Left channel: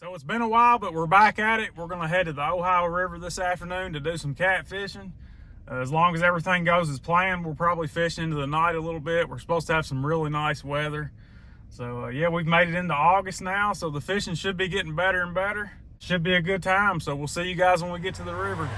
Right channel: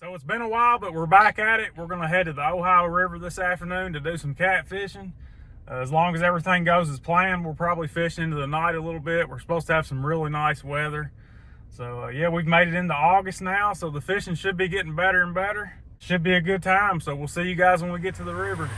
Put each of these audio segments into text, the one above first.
So it's been a while, but we're back at it. We're going to head to the Ohio River this afternoon to do some catfishing. As long as everything goes as planned, we'll probably fish into the night a little bit. We're supposed to have some really nice weather. So yeah, we've made it into August now, so the fishing should be getting better and better. Should be a good time, so we'll see you guys when we get to the river.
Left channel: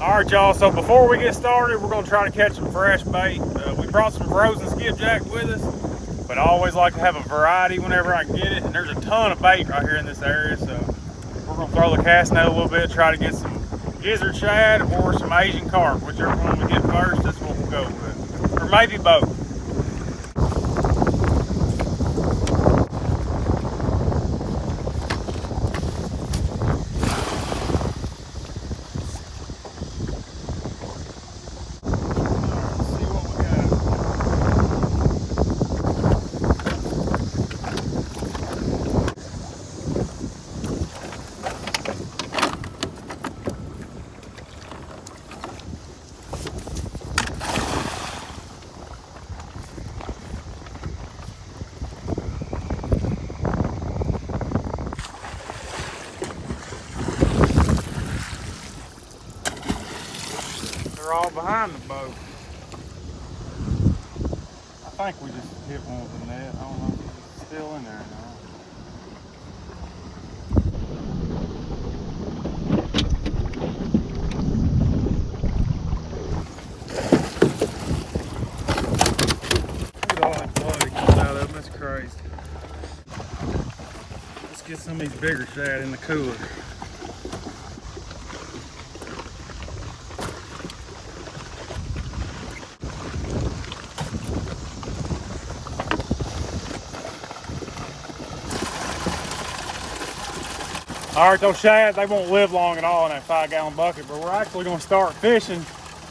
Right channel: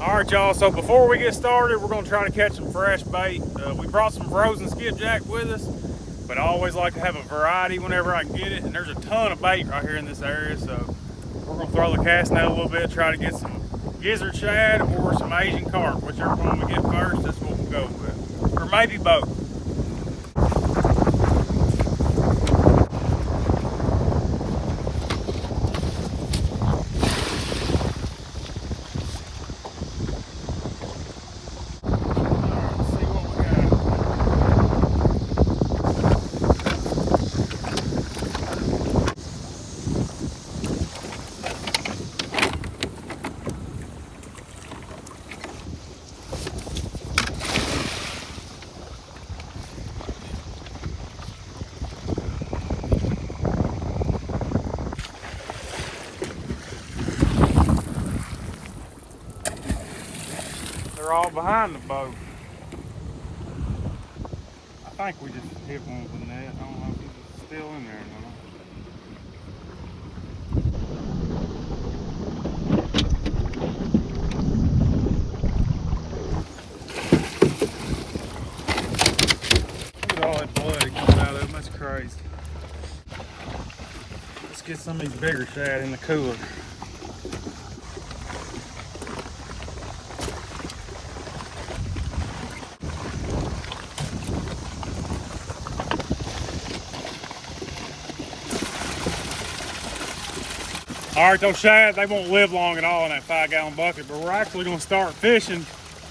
All right, y'all, so before we get started, we're gonna try to catch some fresh bait. We brought some frozen skipjack with us, but I always like to have a variety whenever I can get it. And there's a ton of bait right here in this area, so we're gonna throw the cast net a little bit, try to get some gizzard shad or some Asian carp. Whichever one we get first, that's what we'll go with. Or maybe both. They're all behind the boat. I think we just hit one with the net. I don't know if he's still in there or not. Look at all that blood that comes out of them. That's crazy. Let's get some of these bigger shad in the cooler. All right, those shad, they won't live long at all in that 5-gallon bucket, but we're actually gonna start fishing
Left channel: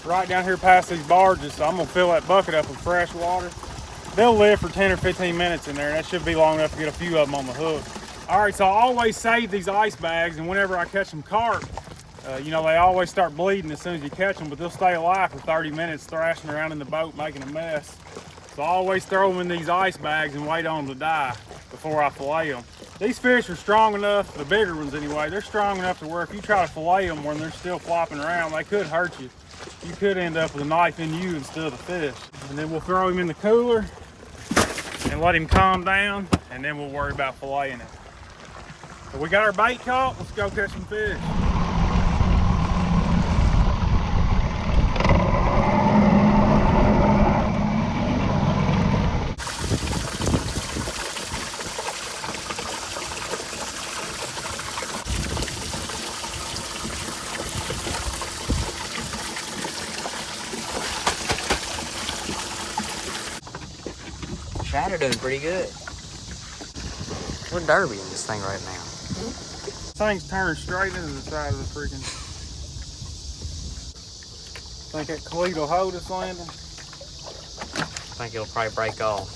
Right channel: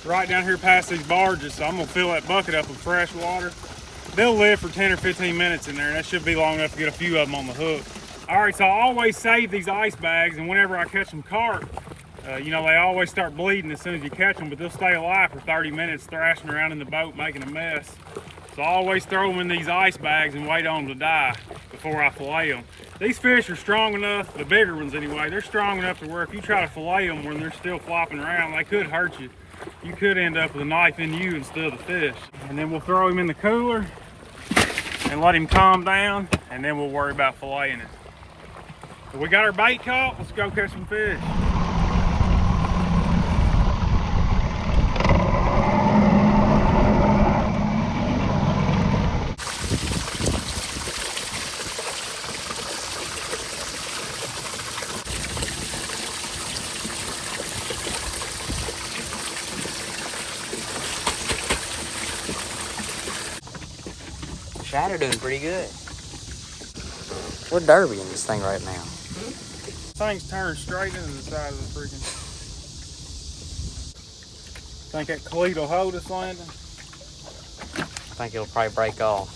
right down here past these barges. So I'm gonna fill that bucket up with fresh water. They'll live for 10 or 15 minutes in there, and that should be long enough to get a few of them on the hook. All right, so I always save these ice bags, and whenever I catch some carp, you know, they always start bleeding as soon as you catch them, but they'll stay alive for 30 minutes thrashing around in the boat making a mess. So I always throw them in these ice bags and wait on them to die before I fillet them. These fish are strong enough, the bigger ones anyway, they're strong enough to where if you try to fillet them when they're still flopping around, they could hurt you. You could end up with a knife in you instead of the fish. And then we'll throw him in the cooler and let him calm down, and then we'll worry about filleting it. So we got our bait caught, let's go catch some fish. Shad are doing pretty good. We're derbying this thing right now. This thing's turned straight into the side of the freaking. Think that cleat will hold us, Landon? I think it'll probably break off.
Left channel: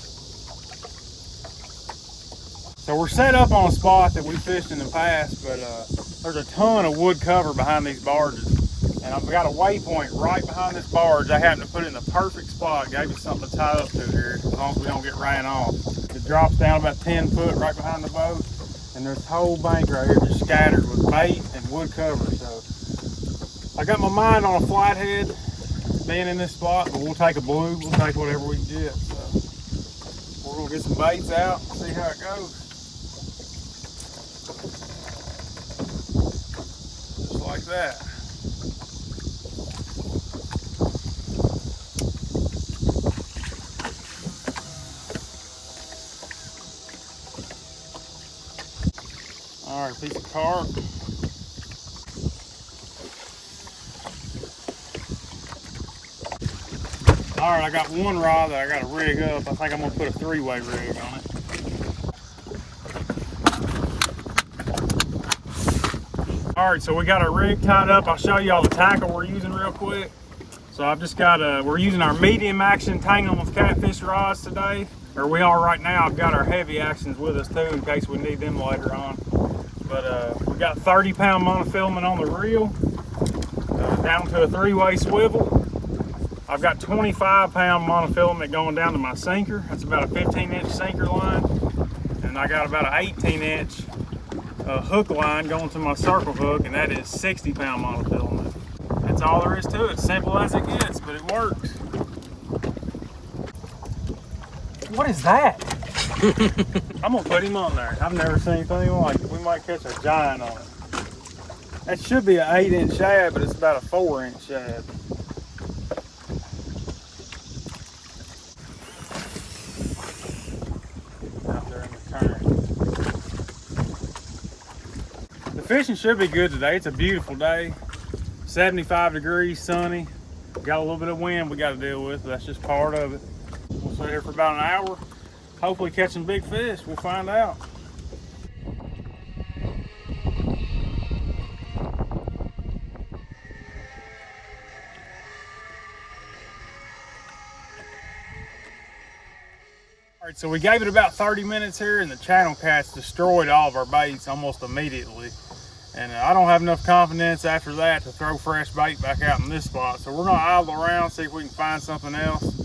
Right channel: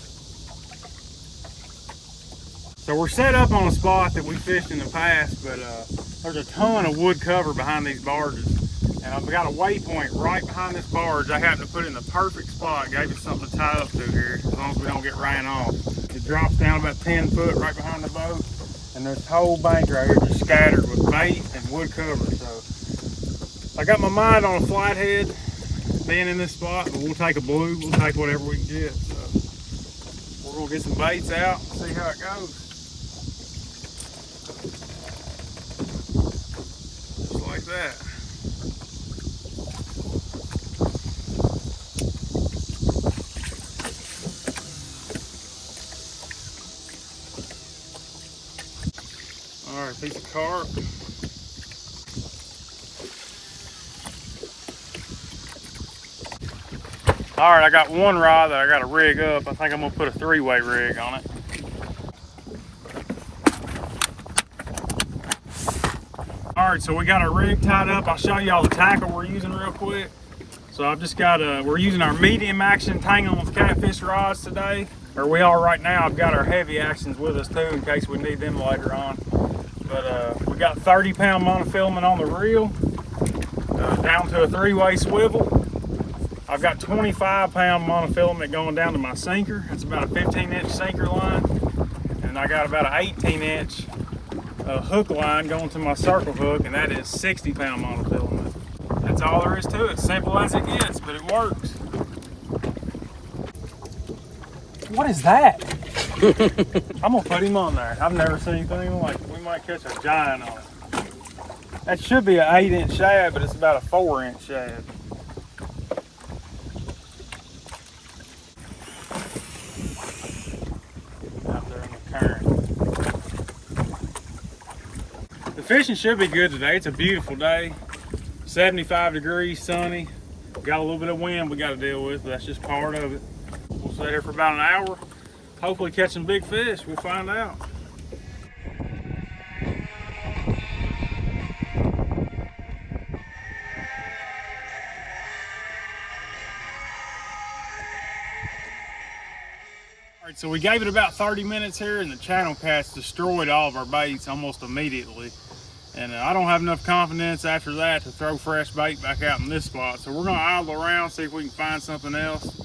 So we're set up on a spot that we fished in the past, but there's a ton of wood cover behind these barges. And I've got a waypoint right behind this barge. I happen to put it in the perfect spot. It gave us something to tie up to here, as long as we don't get ran off. It drops down about 10 foot right behind the boat. And there's a whole bank right here just scattered with bait and wood cover. So I got my mind on a flathead being in this spot, but we'll take a blue, we'll take whatever we can get. So we're gonna get some baits out and see how it goes. Just like that. All right, piece of carp. All right, I got one rod that I got to rig up. I think I'm gonna put a 3-way rig on it. All right, so we got our rig tied up. I'll show you all the tackle we're using real quick. So I've just got we're using our medium action tangling with Catfish rods today, or we are right now. I've got our heavy actions with us too in case we need them later on. But we got 30-pound monofilament on the reel, down to a 3-way swivel. I've got 25-pound monofilament going down to my sinker. That's about a 15-inch sinker line. And I got about an 18-inch hook line going to my circle hook, and that is 60-pound monofilament. That's all there is to it. Simple as it gets, but it works. What is that? I'm gonna put him on there. I've never seen anything like it. We might catch a giant on it. That should be an 8-inch shad, but it's about a 4-inch shad. Out there in the current. The fishing should be good today. It's a beautiful day. 75 degrees, sunny. Got a little bit of wind we got to deal with, but that's just part of it. We'll sit here for about an hour, hopefully catch some big fish. We'll find out. All right, so we gave it about 30 minutes here, and the channel cast destroyed all of our baits almost immediately. And I don't have enough confidence after that to throw fresh bait back out in this spot. So we're gonna idle around, see if we can find something else.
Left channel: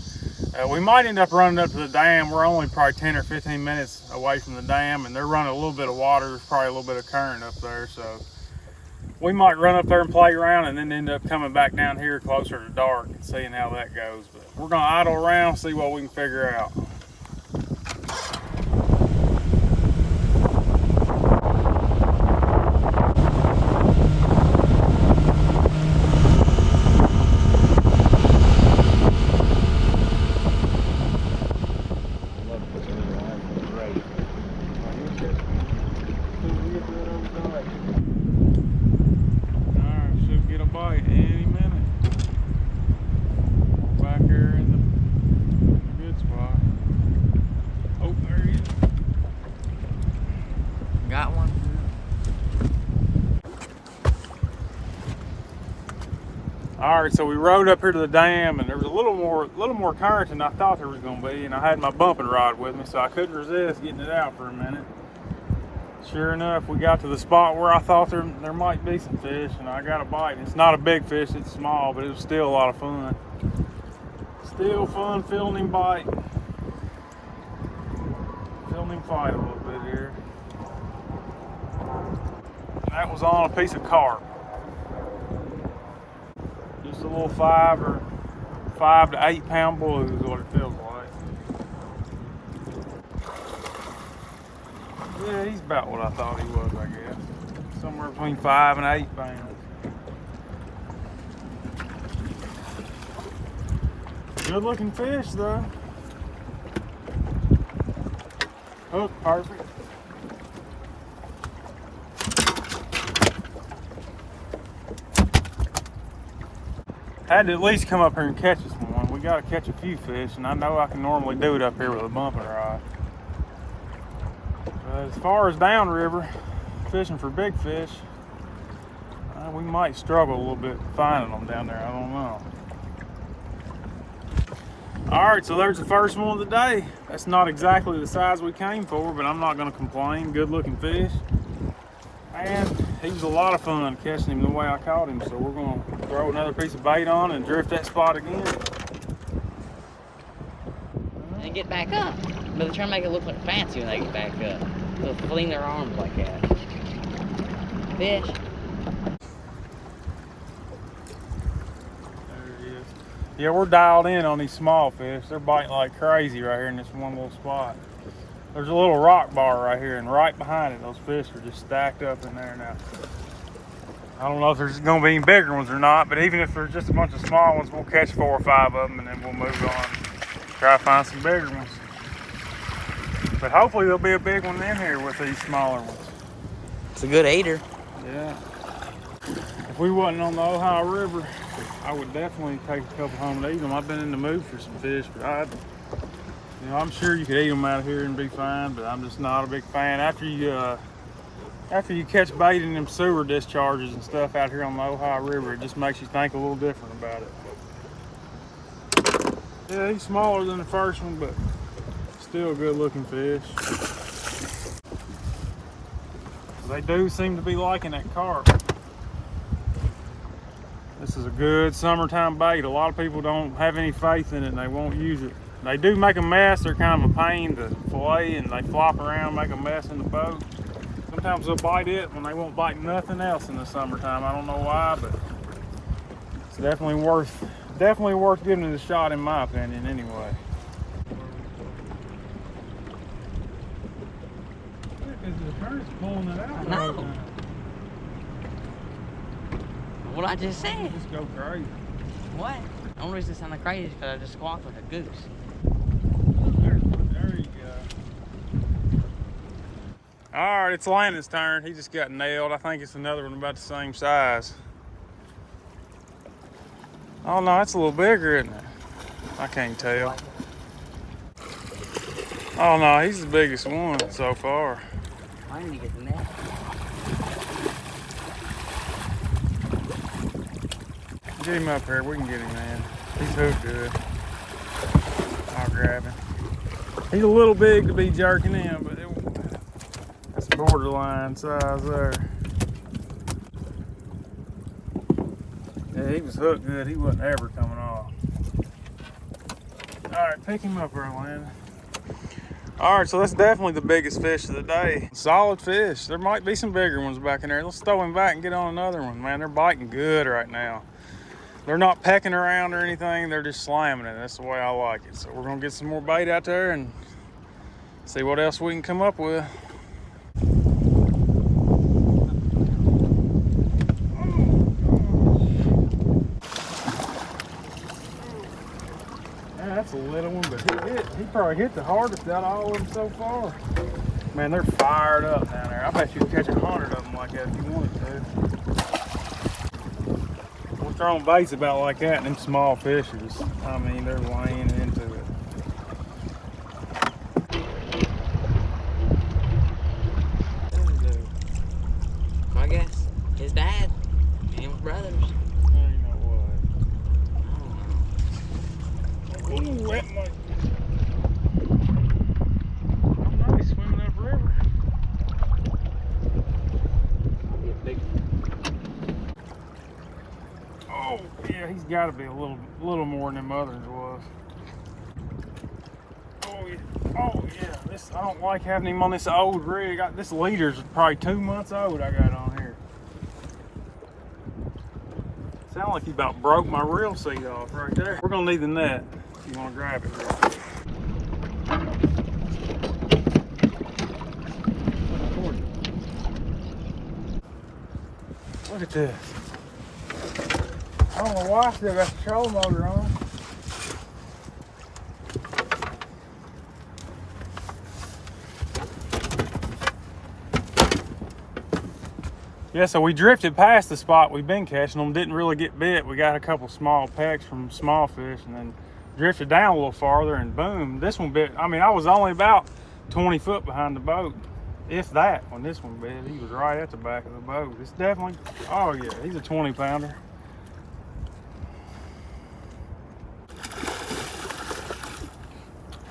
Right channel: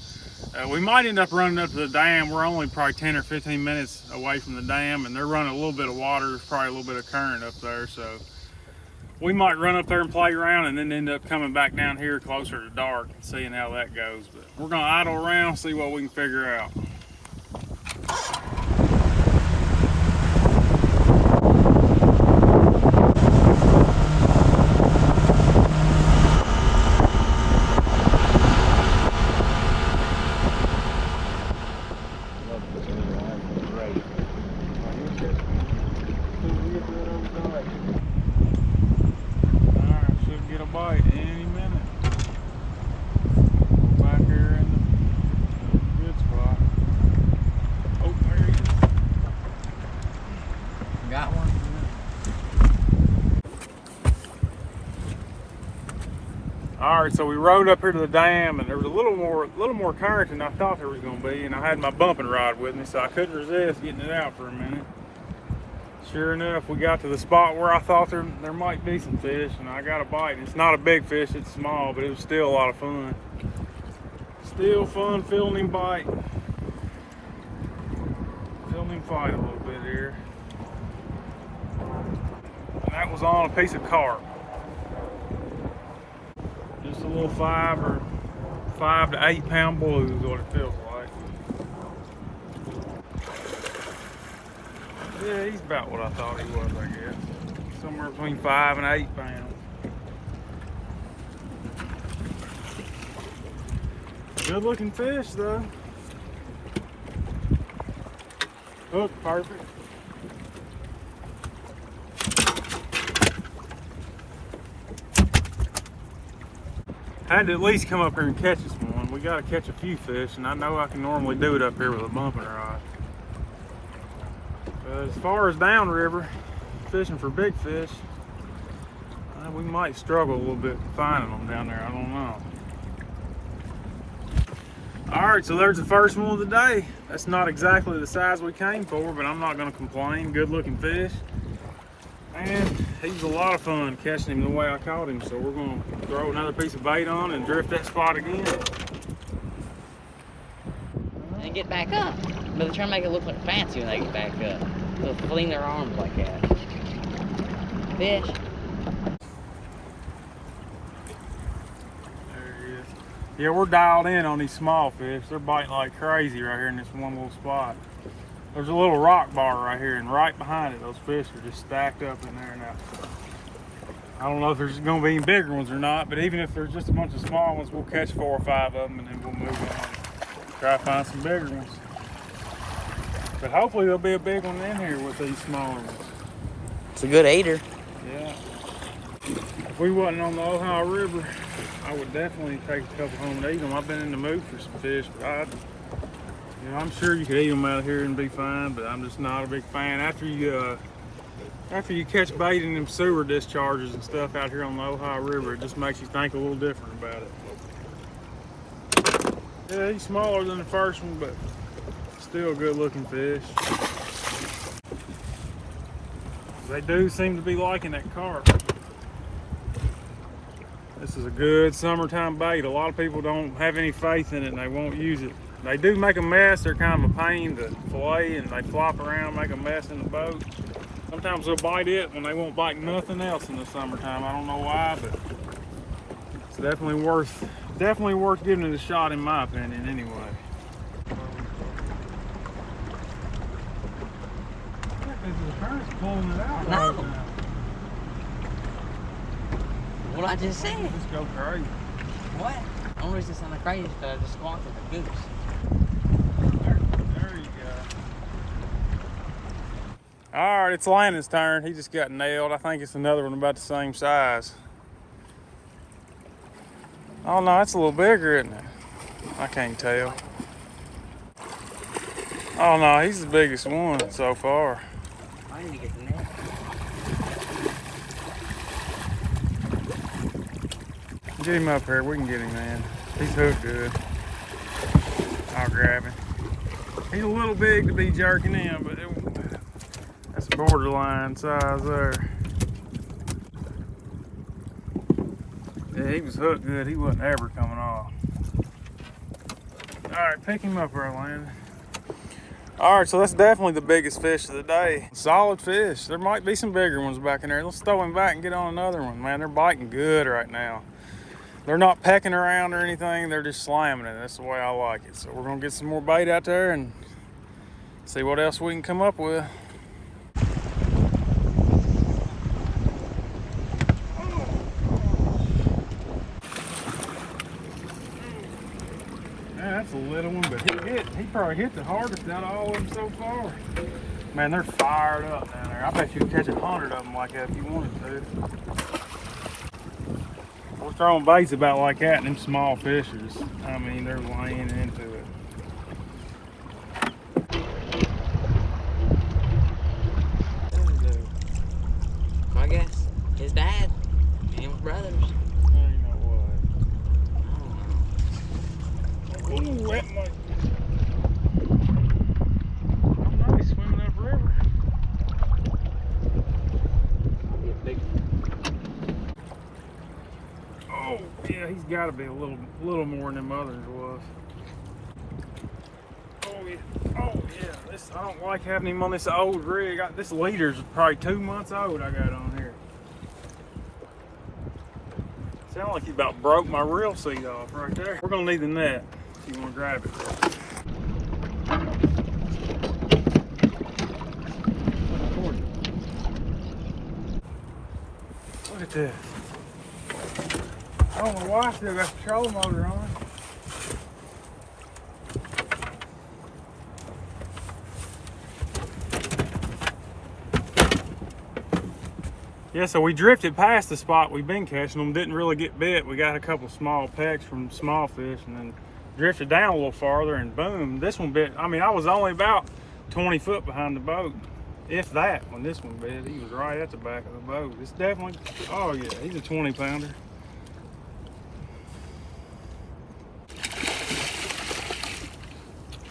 We might end up running up to the dam. We're only probably 10 or 15 minutes away from the dam, and they're running a little bit of water. There's probably a little bit of current up there. So we might run up there and play around and then end up coming back down here closer to dark and seeing how that goes. But we're gonna idle around, see what we can figure out. Get a bite any minute. We're back here in the good spot. Oh, there he is. Got one. All right, so we rode up here to the dam, and there was a little more current than I thought there was going to be, and I had my bumping rod with me, so I couldn't resist getting it out for a minute. Sure enough, we got to the spot where I thought there might be some fish, and I got a bite. And it's not a big fish, it's small, but it was still a lot of fun. Still fun feeling him bite. Feeling him fight a little bit here. And that was on a piece of carp. Just a little 5 to 8 pound blue is what it feels like. Yeah, he's about what I thought he was, I guess. Somewhere between 5 and 8 pounds. Good looking fish though. Hook, perfect. I had to at least come up here and catch this one. We got to catch a few fish, and I know I can normally do it up here with a bumping rod. But as far as downriver, fishing for big fish, we might struggle a little bit finding them down there. I don't know. All right, so there's the first one of the day. That's not exactly the size we came for, but I'm not going to complain. Good looking fish. And he's a lot of fun catching him the way I caught him. So we're going to throw another piece of bait on and drift that spot again. And get back up. But they're trying to make it look like fancy when they get back up. They'll fling their arms like that. Fish. There he is. Yeah, we're dialed in on these small fish. They're biting like crazy right here in this one little spot. There's a little rock bar right here, and right behind it, those fish are just stacked up in there now. I don't know if there's gonna be any bigger ones or not, but even if there's just a bunch of small ones, we'll catch 4 or 5 of them, and then we'll move on. Try to find some bigger ones. But hopefully there'll be a big one in here with these smaller ones. It's a good aider. Yeah. If we wasn't on the Ohio River, I would definitely take a couple home and eat them. I've been in the mood for some fish, but I'm sure you could eat them out here and be fine, but I'm just not a big fan. After you catch bait in them sewer discharges and stuff out here on the Ohio River, it just makes you think a little different about it. Yeah, he's smaller than the first one, but still a good looking fish. They do seem to be liking that carp. This is a good summertime bait. A lot of people don't have any faith in it and they won't use it. They do make a mess. They're kind of a pain to fillet and they flop around, make a mess in the boat. Sometimes they'll bite it when they won't bite nothing else in the summertime. I don't know why, but it's definitely worth giving it a shot in my opinion anyway. Because the current's pulling it out. No. What I just said. Just go crazy. What? The only reason it sounded crazy is because I just squawked like a goose. There you go. All right, it's Landon's turn. He just got nailed. I think it's another one about the same size. Oh no, it's a little bigger, isn't it? I can't tell. Oh no, he's the biggest one so far. I need to get the net. Get him up here. We can get him, man. He's hooked good. I'll grab him. He's a little big to be jerking in, but that's borderline size there. Yeah, he was hooked good. He wasn't ever coming off. All right, pick him up, Landon. All right, so that's definitely the biggest fish of the day. Solid fish. There might be some bigger ones back in there. Let's throw him back and get on another one, man. They're biting good right now. They're not pecking around or anything. They're just slamming it. That's the way I like it. So we're gonna get some more bait out there and see what else we can come up with. Yeah, that's a little one, but he probably hit the hardest out of all of them so far. Man, they're fired up down there. I bet you could catch 100 of them like that if you wanted to. We're throwing baits about like that and them small fishes. I mean, they're laying into it. I guess his dad and his brothers. You know what? Ooh, wet my... I'm nice swimming upriver. Oh, yeah, he's got to be a little more than them others was. Oh yeah, I don't like having him on this old rig. This leader's probably 2 months old I got on here. Sound like he about broke my reel seat off right there. We're gonna need the net if you wanna grab it there. Look at this. I don't know why I still got the trolling motor on. Yeah, so we drifted past the spot we've been catching them, didn't really get bit. We got a couple small pecks from small fish and then drifted down a little farther and boom, this one bit. I mean, I was only about 20 foot behind the boat, if that, when this one bit. He was right at the back of the boat. It's definitely, oh yeah, he's a 20 pounder.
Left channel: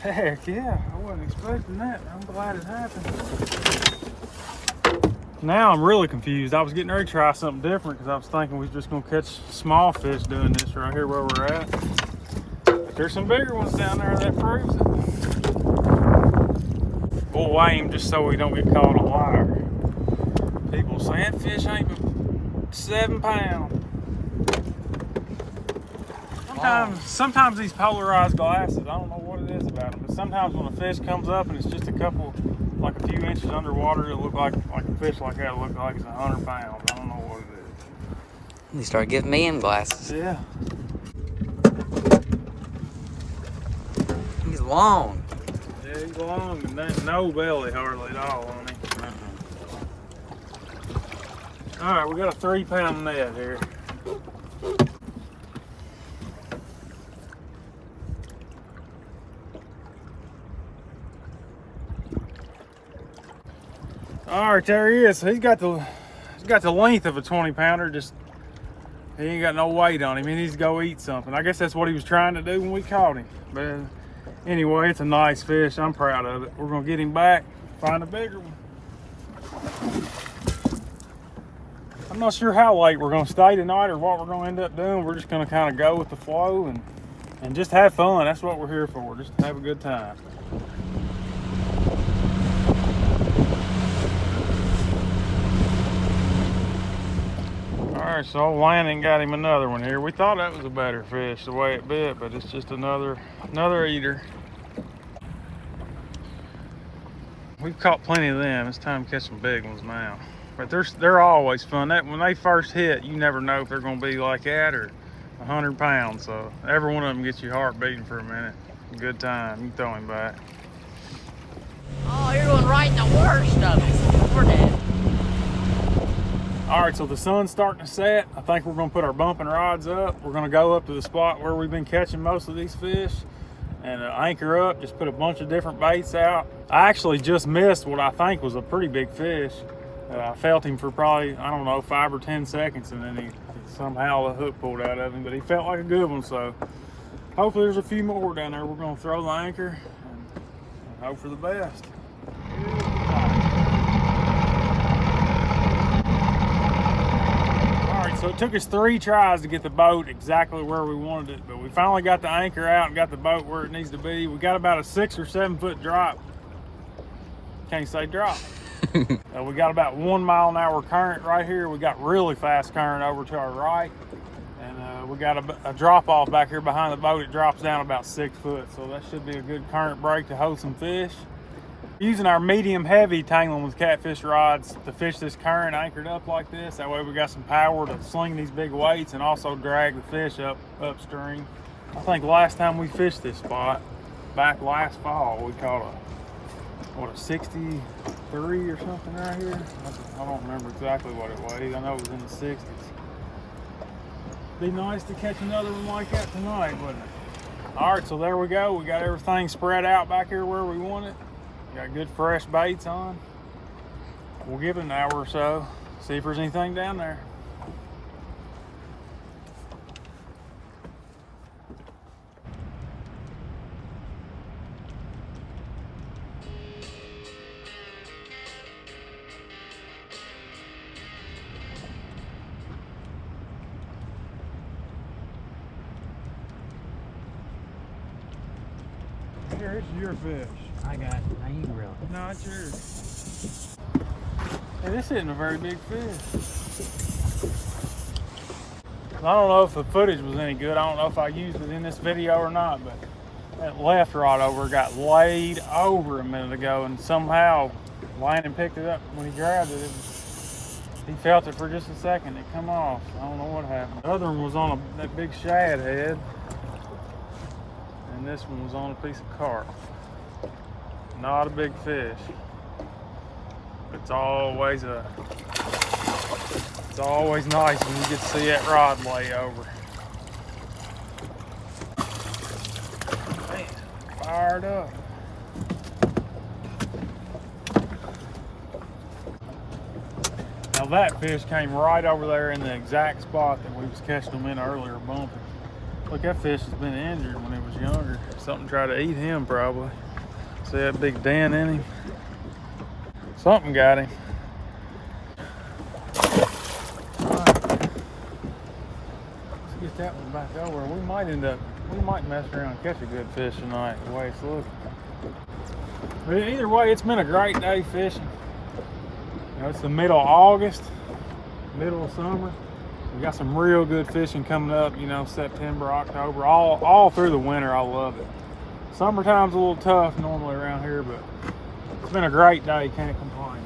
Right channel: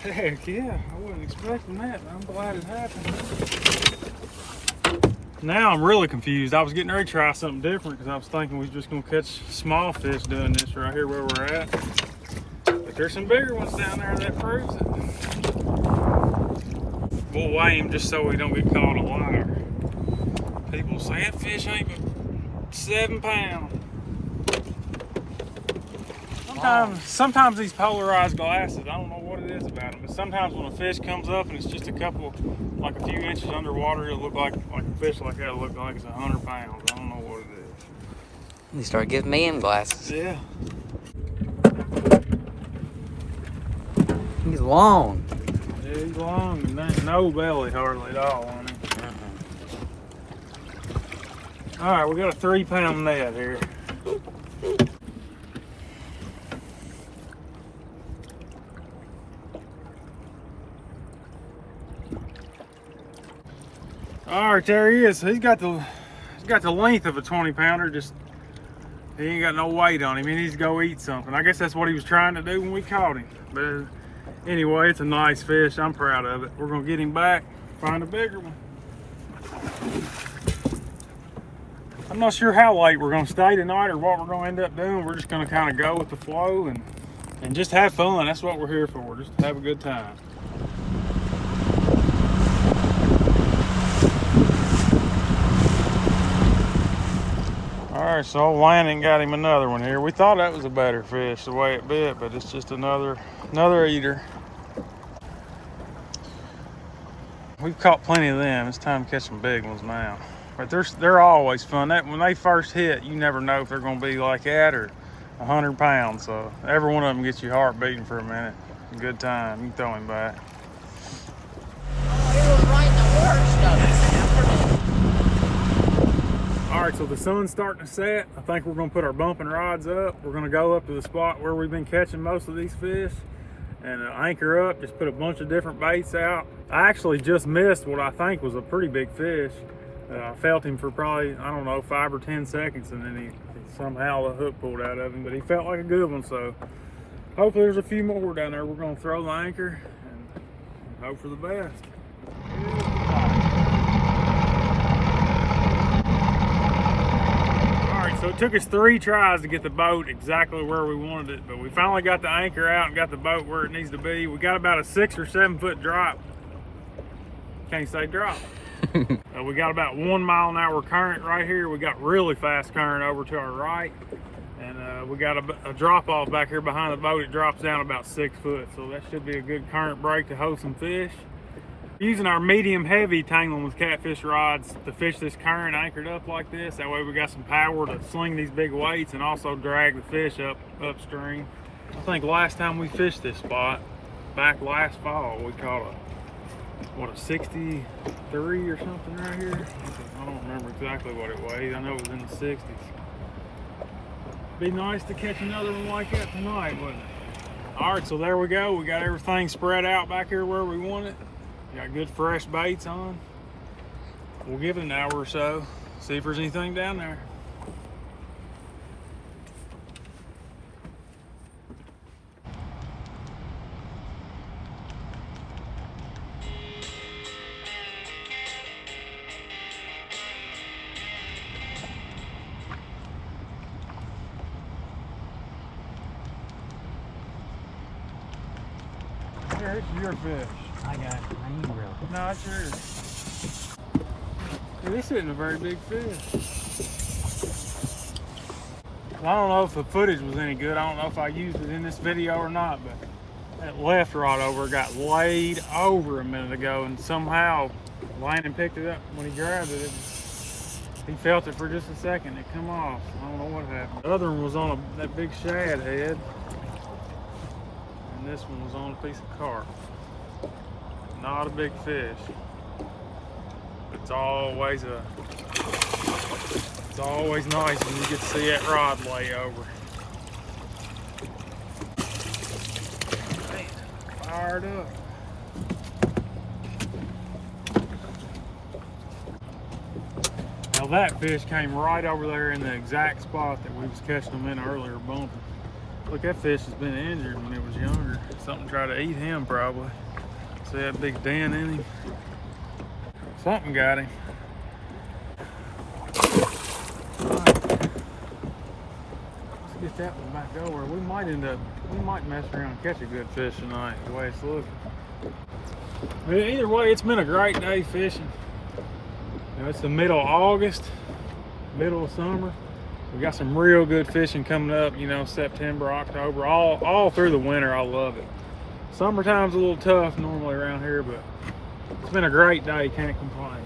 Heck yeah, I wasn't expecting that. I'm glad it happened. Now I'm really confused. I was getting ready to try something different because I was thinking we was just gonna catch small fish doing this right here where we're at. But there's some bigger ones down there that proves it. We'll weigh him just so we don't get caught a liar. People say that fish ain't but 7 pounds. Sometimes these polarized glasses, I don't know what it is about them, but sometimes when a fish comes up and it's just a couple, like a few inches underwater, it'll look like a fish like that will look like it's 100 pounds. I don't know what it is. You start giving me him glasses. Yeah. He's long. Yeah, he's long and there's no belly hardly at all on him. All right, we got a 3 pound net here. All right, there he is. He's got the length of a 20 pounder. Just he ain't got no weight on him. He needs to go eat something. I guess that's what he was trying to do when we caught him. But anyway, it's a nice fish. I'm proud of it. We're gonna get him back, find a bigger one. I'm not sure how late we're gonna stay tonight or what we're gonna end up doing. We're just gonna kind of go with the flow and just have fun. That's what we're here for, just to have a good time. All right, so Landon got him another one here. We thought that was a better fish the way it bit, but it's just another eater. We've caught plenty of them. It's time to catch some big ones now. But they're always fun. When they first hit, you never know if they're gonna be like that or 100 pounds. So every one of them gets your heart beating for a minute. Good time. You throw him back. Oh, you're going right in the worst of it. We're dead. All right, so the sun's starting to set. I think we're gonna put our bumping rods up. We're gonna go up to the spot where we've been catching most of these fish and anchor up, just put a bunch of different baits out. I actually just missed what I think was a pretty big fish. I felt him for probably, I don't know, 5 or 10 seconds, and then he somehow the hook pulled out of him, but he felt like a good one. So hopefully there's a few more down there. We're gonna throw the anchor and hope for the best. So it took us 3 tries to get the boat exactly where we wanted it, but we finally got the anchor out and got the boat where it needs to be. We got about a 6 or 7 foot drop. Can't say drop. We got about 1 mile an hour current right here. We got really fast current over to our right, and we got a drop off back here behind the boat. It drops down about 6 foot, so that should be a good current break to hold some fish. Using our medium heavy tangling with catfish rods to fish this current anchored up like this. That way we got some power to sling these big weights and also drag the fish upstream. I think last time we fished this spot, back last fall, we caught a 63 or something right here. I don't remember exactly what it weighed. I know it was in the 60s. Be nice to catch another one like that tonight, wouldn't it? All right, so there we go. We got everything spread out back here where we want it. Got good fresh baits on. We'll give it an hour or so, see if there's anything down there. Here, it's your fish. I got it. I ain't real. No, it's yours. Hey, this isn't a very big fish. I don't know if the footage was any good. I don't know if I used it in this video or not, but that left rod over got laid over a minute ago, and somehow Landon picked it up when he grabbed it. He felt it for just a second. It come off. I don't know what happened. The other one was on that big shad head, and this one was on a piece of carp. Not a big fish. It's always nice when you get to see that rod lay over. Man, fired up. Now that fish came right over there in the exact spot that we was catching them in earlier, bumping. Look, that fish has been injured when it was younger. Something tried to eat him probably. See that big dent in him? Something got him. Let's get that one back over. We might mess around and catch a good fish tonight, the way it's looking. But either way, it's been a great day fishing. You know, it's the middle of August, middle of summer. We got some real good fishing coming up, you know, September, October, all through the winter. I love it. Summertime's a little tough normally around here, but it's been a great day, can't complain.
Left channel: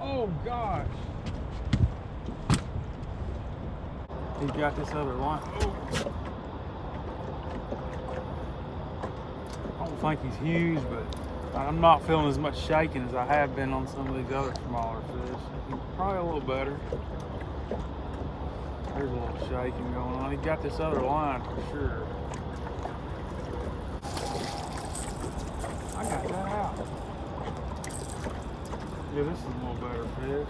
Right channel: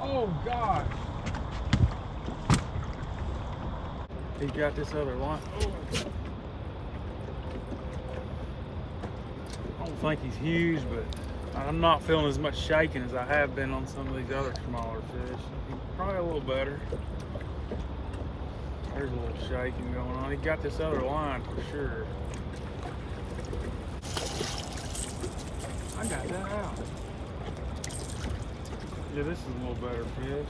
Oh gosh. He's got this other line. Oh. I don't think he's huge, but I'm not feeling as much shaking as I have been on some of these other smaller fish. He's probably a little better. There's a little shaking going on. He got this other line for sure. I got that out. Yeah, this is a little better fish.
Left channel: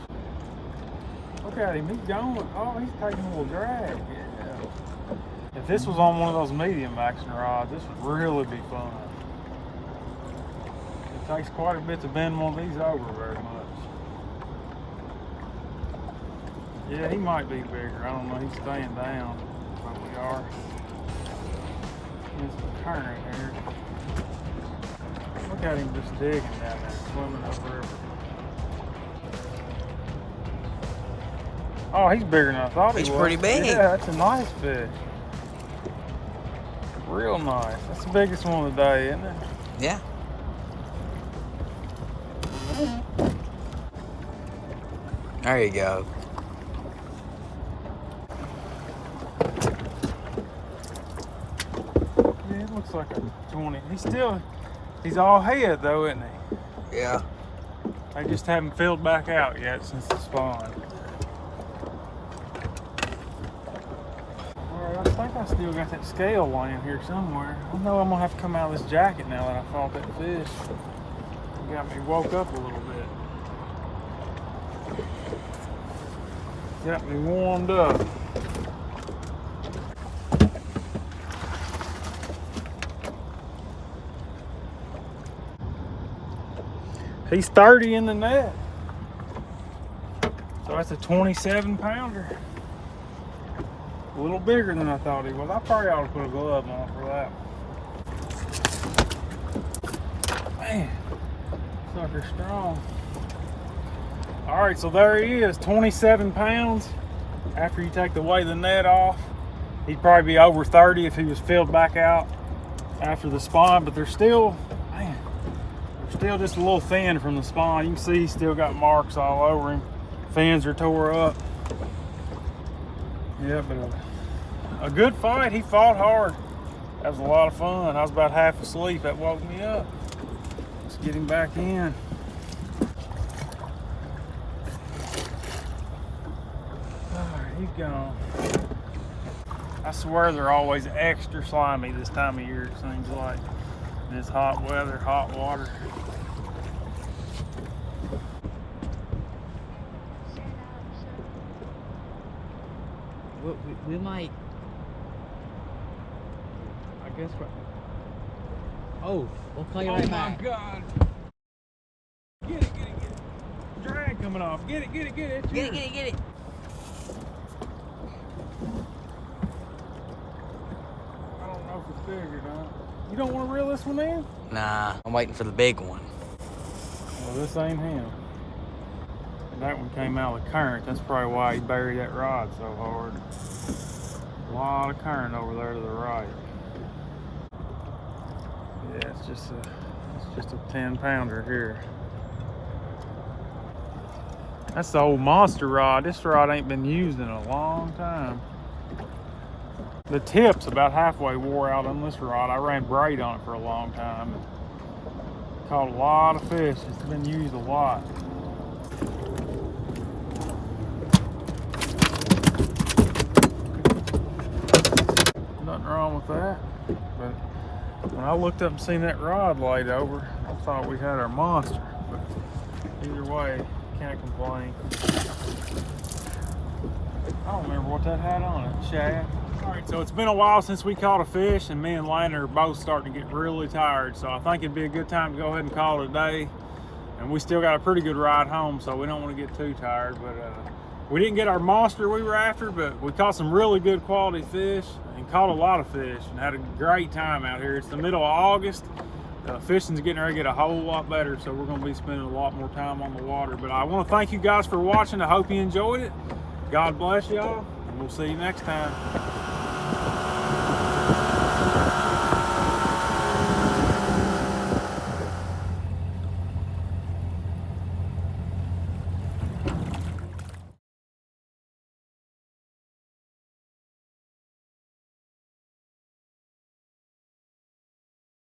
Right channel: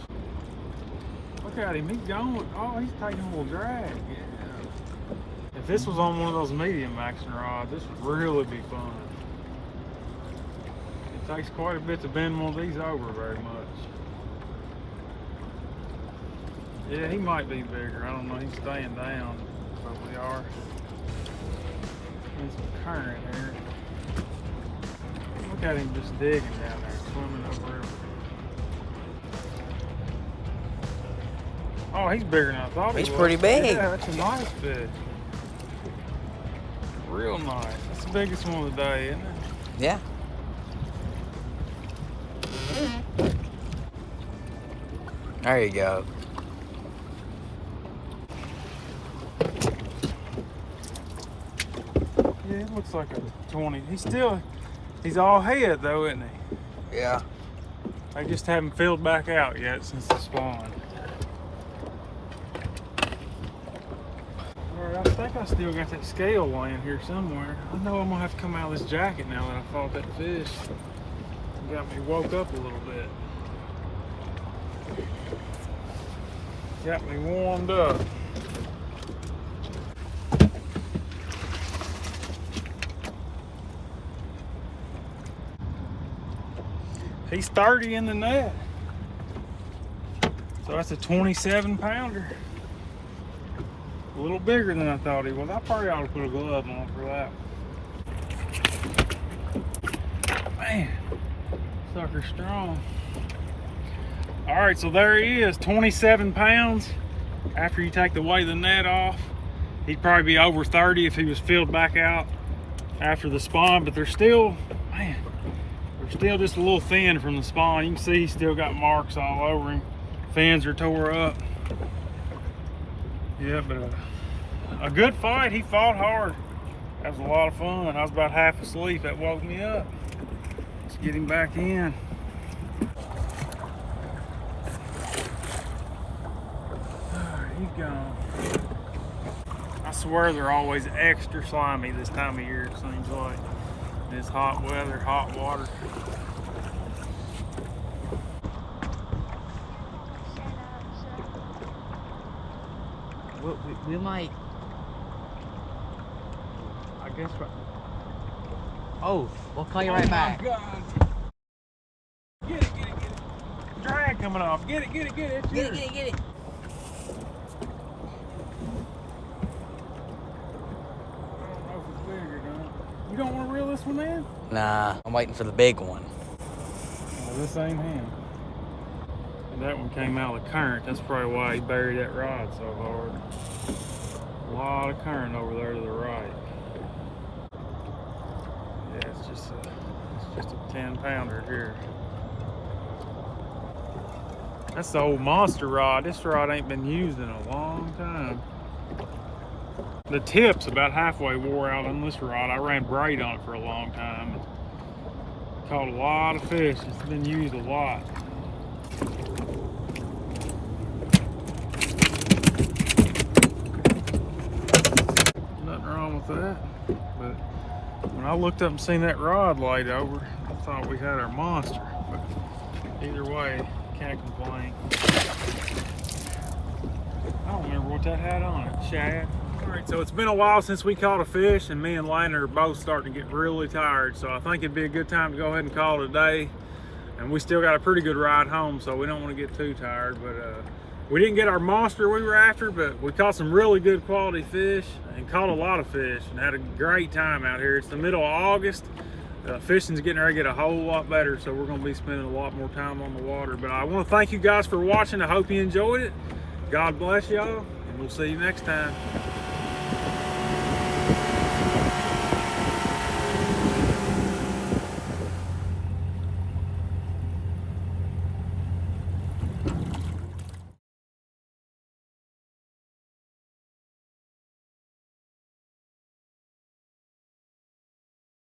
Look at him, he's going. Oh, he's taking a little drag. Yeah. If this was on one of those medium action rods, this would really be fun. It takes quite a bit to bend one of these over very much. Yeah, he might be bigger. I don't know. He's staying down. But we are. There's some current here. Look at him just digging down there, swimming over there. Oh, he's bigger than I thought he was. He's pretty big. Yeah, that's a nice fish. Real nice. That's the biggest one of the day, isn't it? Yeah. There you go. Yeah, it looks like a 20. He's all head though, isn't he? Yeah. They just haven't filled back out yet since the spawn. Alright, I think I still got that scale laying here somewhere. I know I'm gonna have to come out of this jacket now that I fought that fish. It got me woke up a little bit. Got me warmed up. He's 30 in the net. So that's a 27 pounder. A little bigger than I thought he was. I probably ought to put a glove on for that. Man, sucker's strong. All right, so there he is, 27 pounds. After you take the weight of the net off, he'd probably be over 30 if he was filled back out after the spawn, but they're still, man, they're still just a little thin from the spawn. You can see he's still got marks all over him. Fins are tore up. Yeah, but a good fight. He fought hard. That was a lot of fun. I was about half asleep. That woke me up. Let's get him back in. He's gone. I swear they're always extra slimy this time of year, it seems like. This hot weather, hot water. We might. I guess what? Oh, we'll call you right back. Oh my God. Get it. Drag coming off. Get it. It's Get it. I don't know if it's big or not. You don't want to reel this one in? Nah, I'm waiting for the big one. Well, this ain't him. That one came out of the current. That's probably why he buried that rod so hard. A lot of current over there to the right. Yeah, it's just a 10 pounder here. That's the old monster rod. This rod ain't been used in a long time. The tip's about halfway wore out on this rod. I ran braid on it for a long time and caught a lot of fish. It's been used a lot. Nothing wrong with that. But when I looked up and seen that rod laid over, I thought we had our monster. But either way, can't complain. I don't remember what that had on it. Shad. All right, so it's been a while since we caught a fish, and me and Lana are both starting to get really tired. So I think it'd be a good time to go ahead and call it a day. And we still got a pretty good ride home, so we don't want to get too tired. But we didn't get our monster we were after, but we caught some really good quality fish and caught a lot of fish and had a great time out here. It's the middle of August. Fishing's getting ready to get a whole lot better, so we're going to be spending a lot more time on the water. But I want to thank you guys for watching. I hope you enjoyed it. God bless y'all, and we'll see you next time.